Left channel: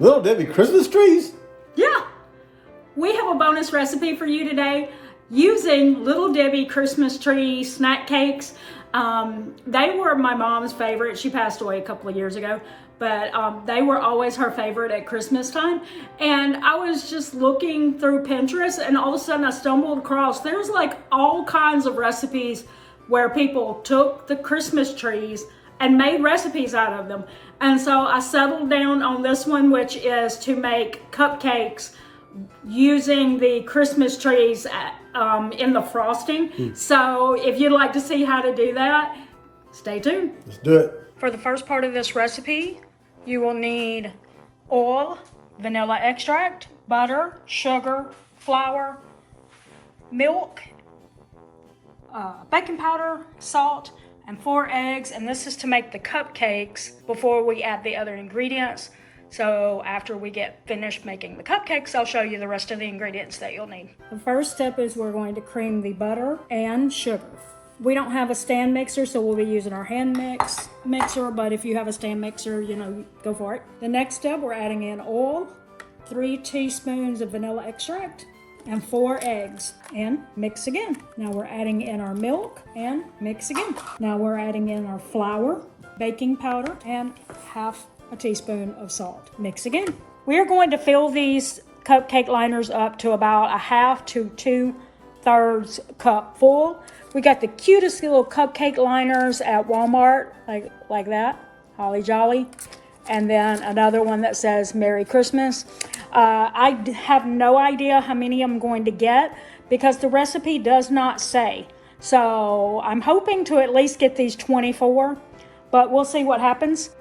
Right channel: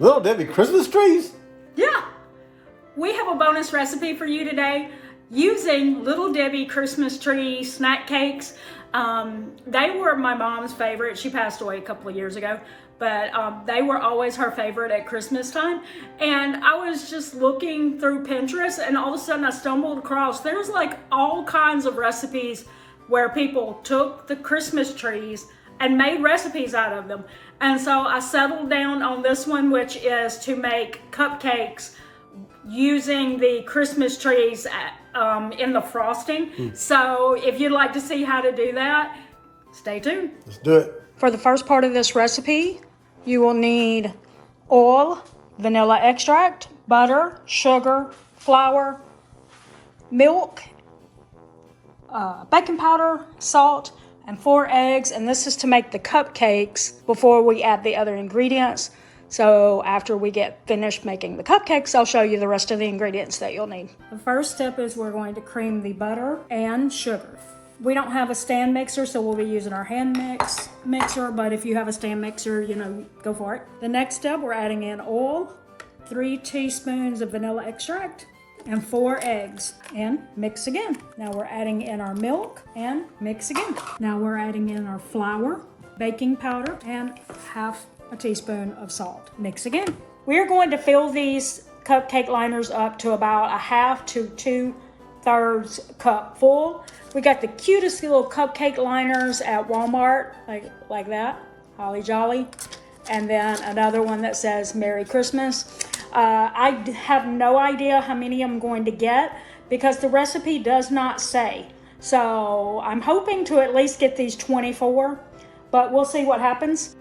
Little Debbie Christmas trees? Yeah, we have a bonus recipe for you today using Little Debbie Christmas tree snack cakes. They were my mom's favorite. She passed away a couple of years ago, but they were always her favorite at Christmas time. And I was just looking through Pinterest, and all of a sudden I stumbled across, there's like all kinds of recipes where people took the Christmas trees and made recipes out of them. And so I settled down on this one, which is to make cupcakes using the Christmas trees in the frosting. So if you'd like to see how to do that, stay tuned. Let's do it. For the first part of this recipe, you will need oil, vanilla extract, butter, sugar, flour, milk, baking powder, salt, and 4 eggs. And this is to make the cupcakes before we add the other ingredients. So after we get finished making the cupcakes, I'll show you the rest of the ingredients that you'll need. The first step is we're going to cream the butter and sugar. We don't have a stand mixer, so we'll be using our hand mixer, but if you have a stand mixer, go for it. The next step, we're adding in oil, 3 teaspoons of vanilla extract, and 4 eggs, and mix again. Now we're adding in our milk and mix again. Now we're adding in our flour, baking powder, and half a teaspoon of salt. Mix again. We are going to fill these cupcake liners up to about 1/2 to 2/3 cup full. We got the cutest little cupcake liners at Walmart, like that, Holly Jolly. And then another one that says Merry Christmas. I have no idea how many I'm going to get because the recipe does not say. So I'm hoping to at least get these 24, but we'll see what happens.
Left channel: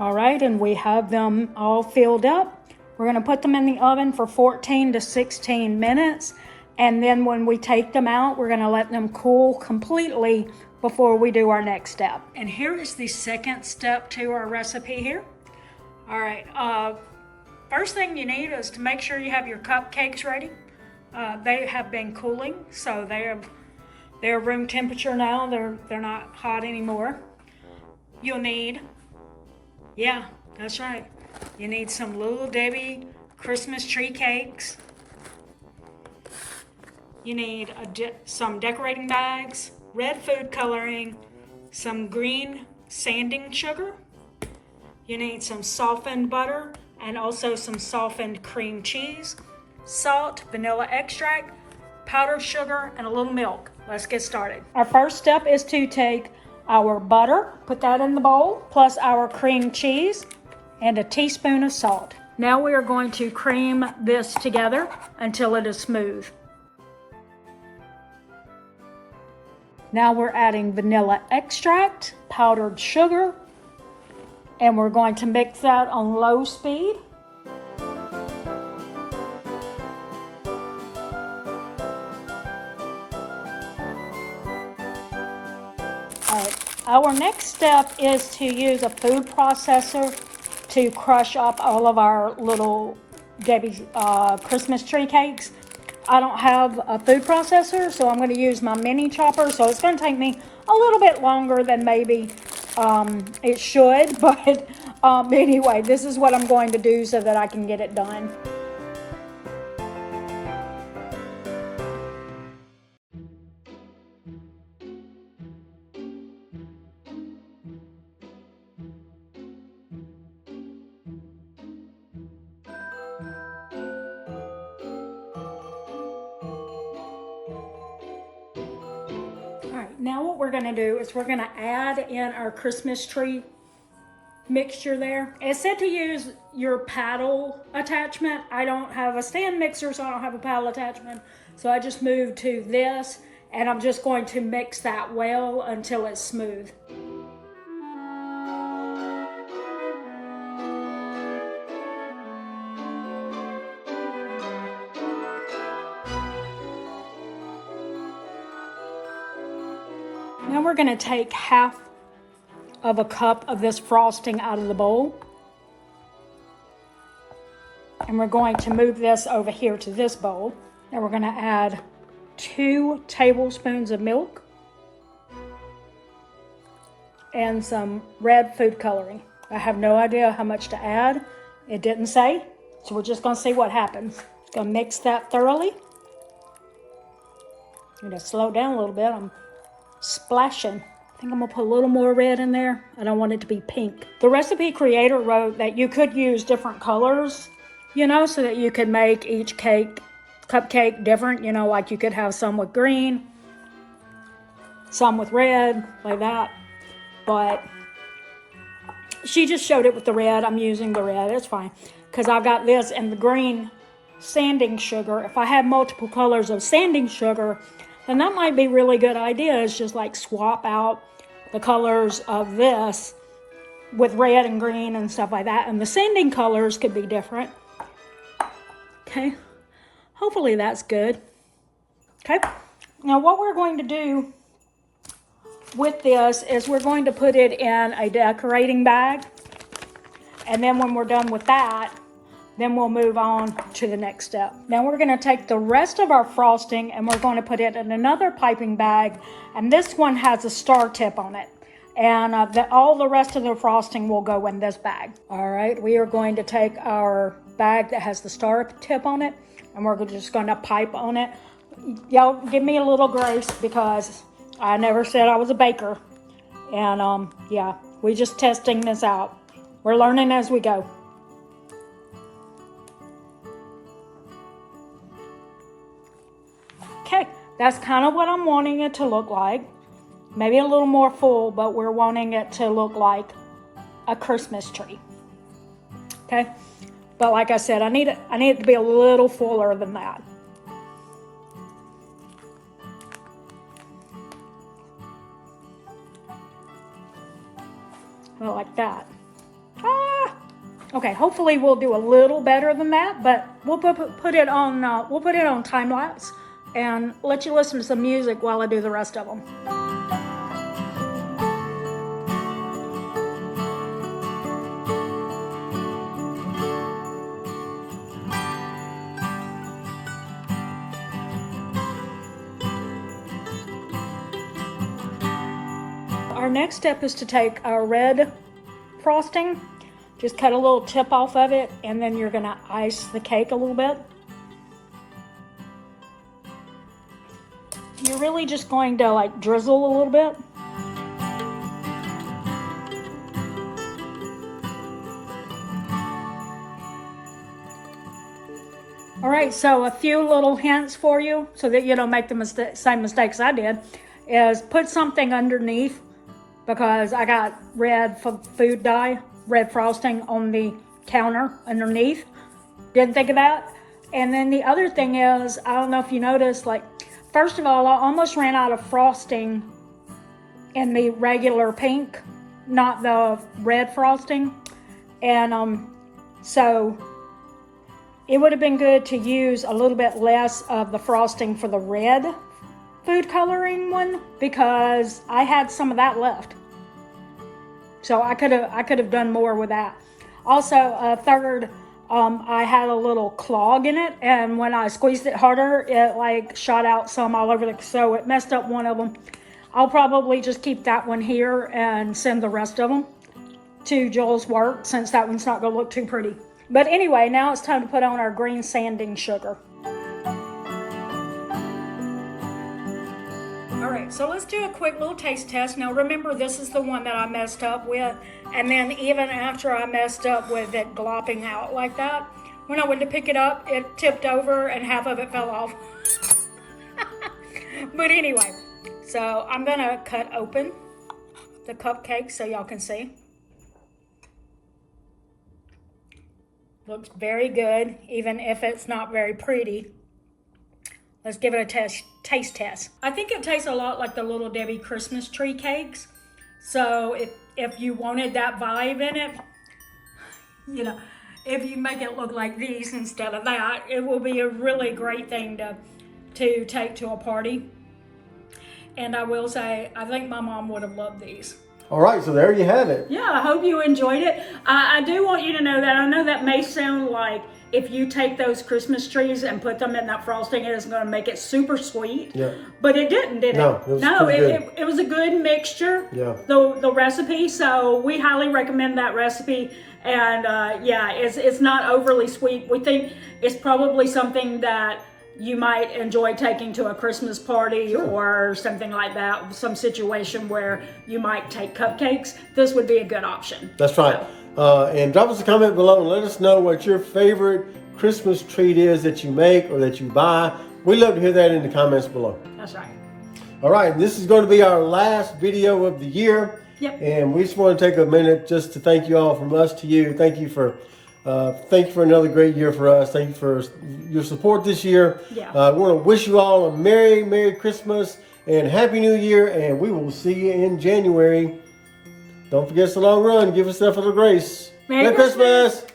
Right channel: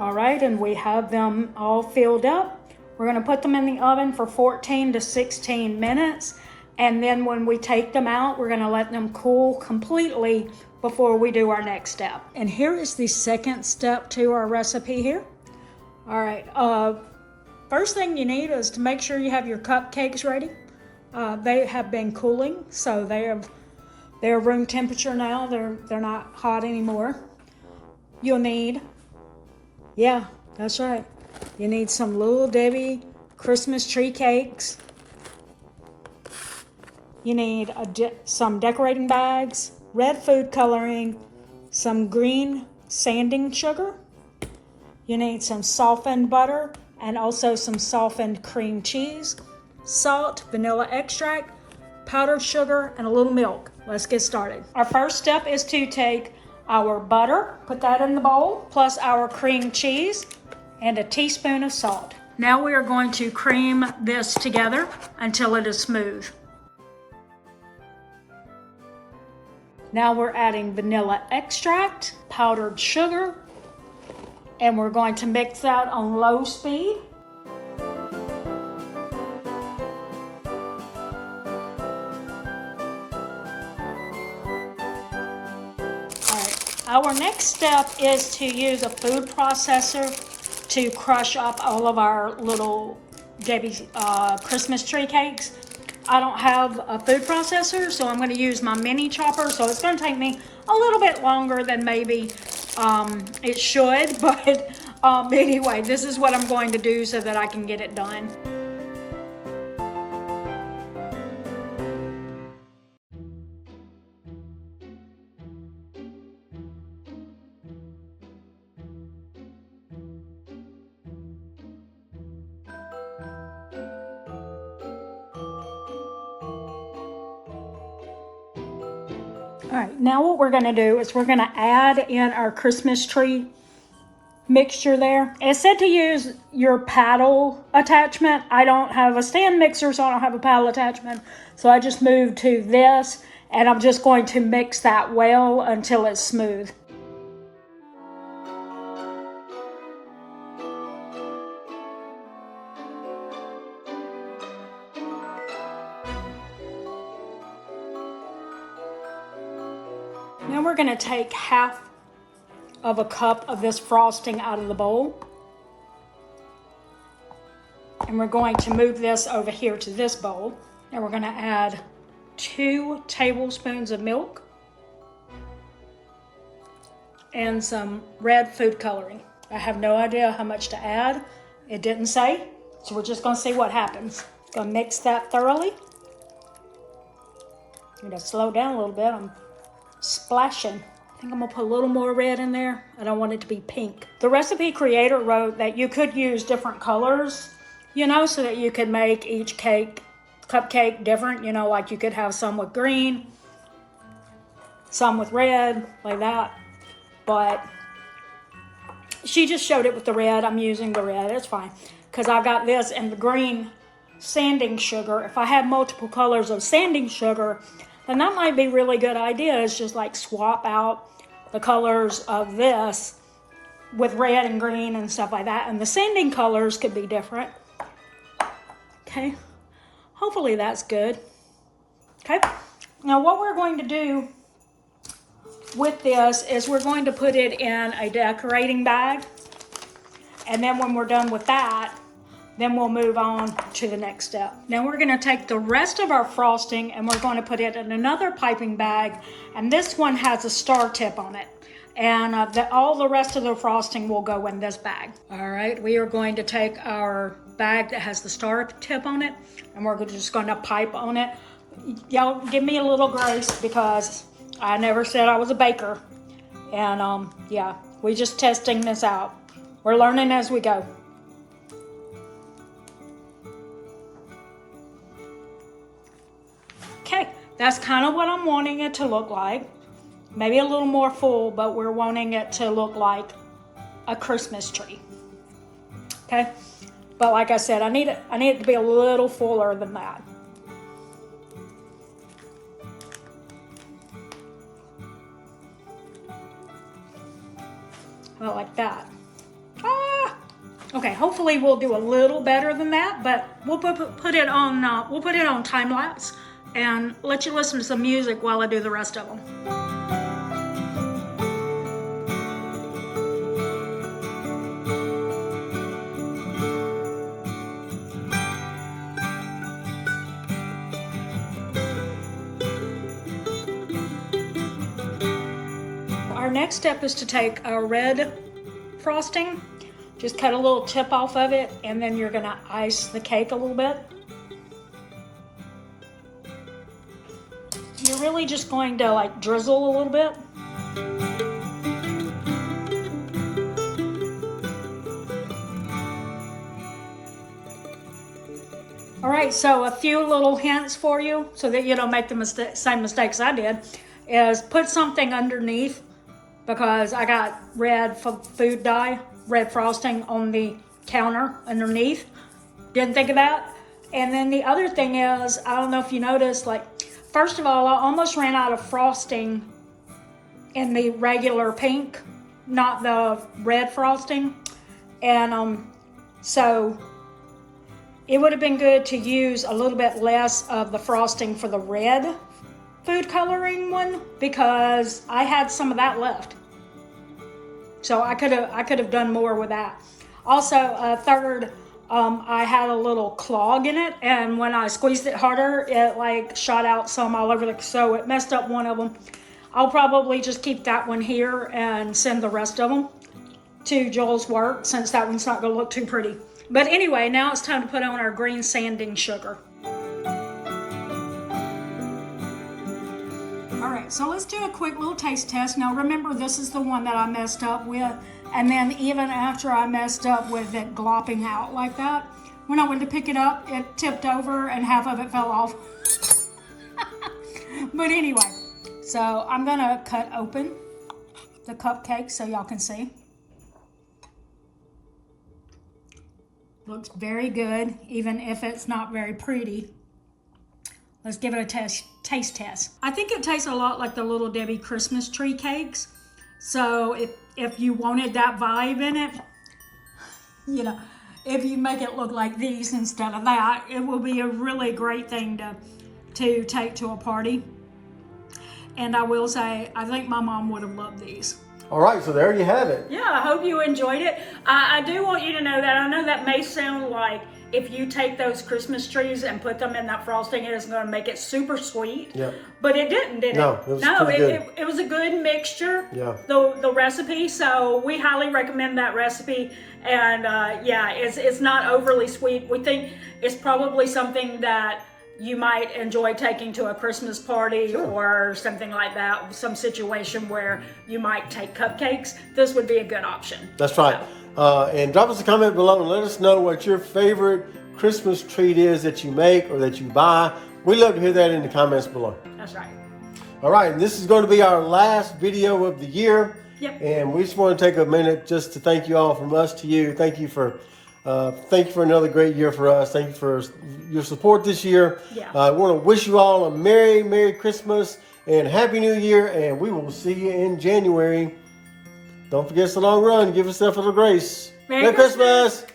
All right, and we have them all filled up. We're gonna put them in the oven for 14 to 16 minutes. And then when we take them out, we're gonna let them cool completely before we do our next step. And here is the second step to our recipe here. All right, first thing you need is to make sure you have your cupcakes ready. They have been cooling, so they're room temperature now. They're not hot anymore. You'll need, yeah, that's right. You need some Little Debbie Christmas tree cakes. You need some decorating bags, red food coloring, some green sanding sugar. You need some softened butter and also some softened cream cheese, salt, vanilla extract, powdered sugar, and a little milk. Let's get started. Our first step is to take our butter, put that in the bowl, plus our cream cheese and a teaspoon of salt. Now we are going to cream this together until it is smooth. Now we're adding vanilla extract, powdered sugar, and we're going to mix that on low speed. Our next step is to use a food processor to crush up all of our Little Debbie Christmas tree cakes. I don't have a food processor, so I'm going to use my mini chopper. So it's going to take me a little bit longer than maybe it should. But anyway, this is what I'm going to do so that I can get it done. All right, now what we're gonna do is we're gonna add in our Christmas tree mixture there. It said to use your paddle attachment. I don't have a stand mixer, so I don't have a paddle attachment. So I just moved to this, and I'm just going to mix that well until it's smooth. Now we're gonna take half of a cup of this frosting out of the bowl. And we're going to move this over here to this bowl. And we're gonna add 2 tablespoons of milk and some red food coloring. I have no idea how much to add. It didn't say, so we're just gonna see what happens. Gonna mix that thoroughly. I'm gonna slow down a little bit. I'm splashing. I think I'm gonna put a little more red in there. I don't want it to be pink. The recipe creator wrote that you could use different colors, you know, so that you could make each cupcake different, you know, like you could have some with green, some with red, like that. But she just showed it with the red. I'm using the red, it's fine. Because I got this and the green sanding sugar. If I had multiple colors of sanding sugar, then that might be a really good idea. It's just like swap out the colors of this with red and green and stuff like that. And the sanding colors could be different. Okay, hopefully that's good. Okay, now what we're going to do with this is we're going to put it in a decorating bag. And then when we're done with that, then we'll move on to the next step. Now we're gonna take the rest of our frosting and we're going to put it in another piping bag. And this one has a star tip on it. And all the rest of the frosting will go in this bag. All right, we are going to take our bag that has the star tip on it and we're just gonna pipe on it. Y'all give me a little grace because I never said I was a baker. And yeah, we're just testing this out. We're learning as we go. Okay, that's kind of what I'm wanting it to look like. Maybe a little more full, but we're wanting it to look like a Christmas tree. Okay, but like I said, I need it to be a little fuller than that. About like that. Okay, hopefully we'll do a little better than that, but we'll put it on time lapse and let you listen to some music while I do the rest of them. Our next step is to take our red frosting, just cut a little tip off of it, and then you're gonna ice the cake a little bit. You're really just going to like drizzle a little bit. All right, so a few little hints for you so that you don't make the same mistakes I did is put something underneath, because I got red food dye, red frosting on the counter underneath. Didn't think of that. And then the other thing is, I don't know if you noticed, like, first of all, I almost ran out of frosting in the regular pink, not the red frosting. And so it would have been good to use a little bit less of the frosting for the red food coloring one, because I had some of that left. So I could have done more with that. Also, third, I had a little clog in it, and when I squeezed it harder, it like shot out some all over so it messed up one of them. I'll probably just keep that one here and send the rest of them to Joel's work, since that one's not gonna look too pretty. But anyway, now it's time to put on our green sanding sugar. All right, so let's do a quick little taste test. Now remember, this is the one that I messed up with, and then even after I messed up with it glopping out like that, when I went to pick it up, it tipped over and half of it fell off. But anyway, so I'm gonna cut open the cupcake so y'all can see. Looks very good, even if it's not very pretty. Let's give it a taste test. I think it tastes a lot like the Little Debbie Christmas tree cakes. So if you wanted that vibe in it, you know, if you make it look like these instead of that, it will be a really great thing to take to a party. And I will say, I think my mom would have loved these. All right, so there you have it. Yeah, I hope you enjoyed it. I do want you to know that I know that may sound like if you take those Christmas trees and put them in that frosting, it is going to make it super sweet. Yeah. But it didn't, did it? No, it was pretty good. It was a good mixture. Yeah. The recipe, so we highly recommend that recipe. And yeah, it's not overly sweet. We think it's probably something that you might enjoy taking to a Christmas party or something like that, some situation where you might take cupcakes. This would be a good option. That's right. And drop us a comment below and let us know what your favorite Christmas treat is that you make or that you buy. We'd love to hear that in the comments below. That's right. All right, and this is going to be our last video of the year. Yep. And we just want to take a minute just to thank you all from us to you. Thank you for another great year for us. Thank you for your support this year. Yeah. I want to wish you all a Merry Christmas and Happy New Year. And we will see you in January. Don't forget it's a long run. Give yourself a little grace. Merry Merry Christmas.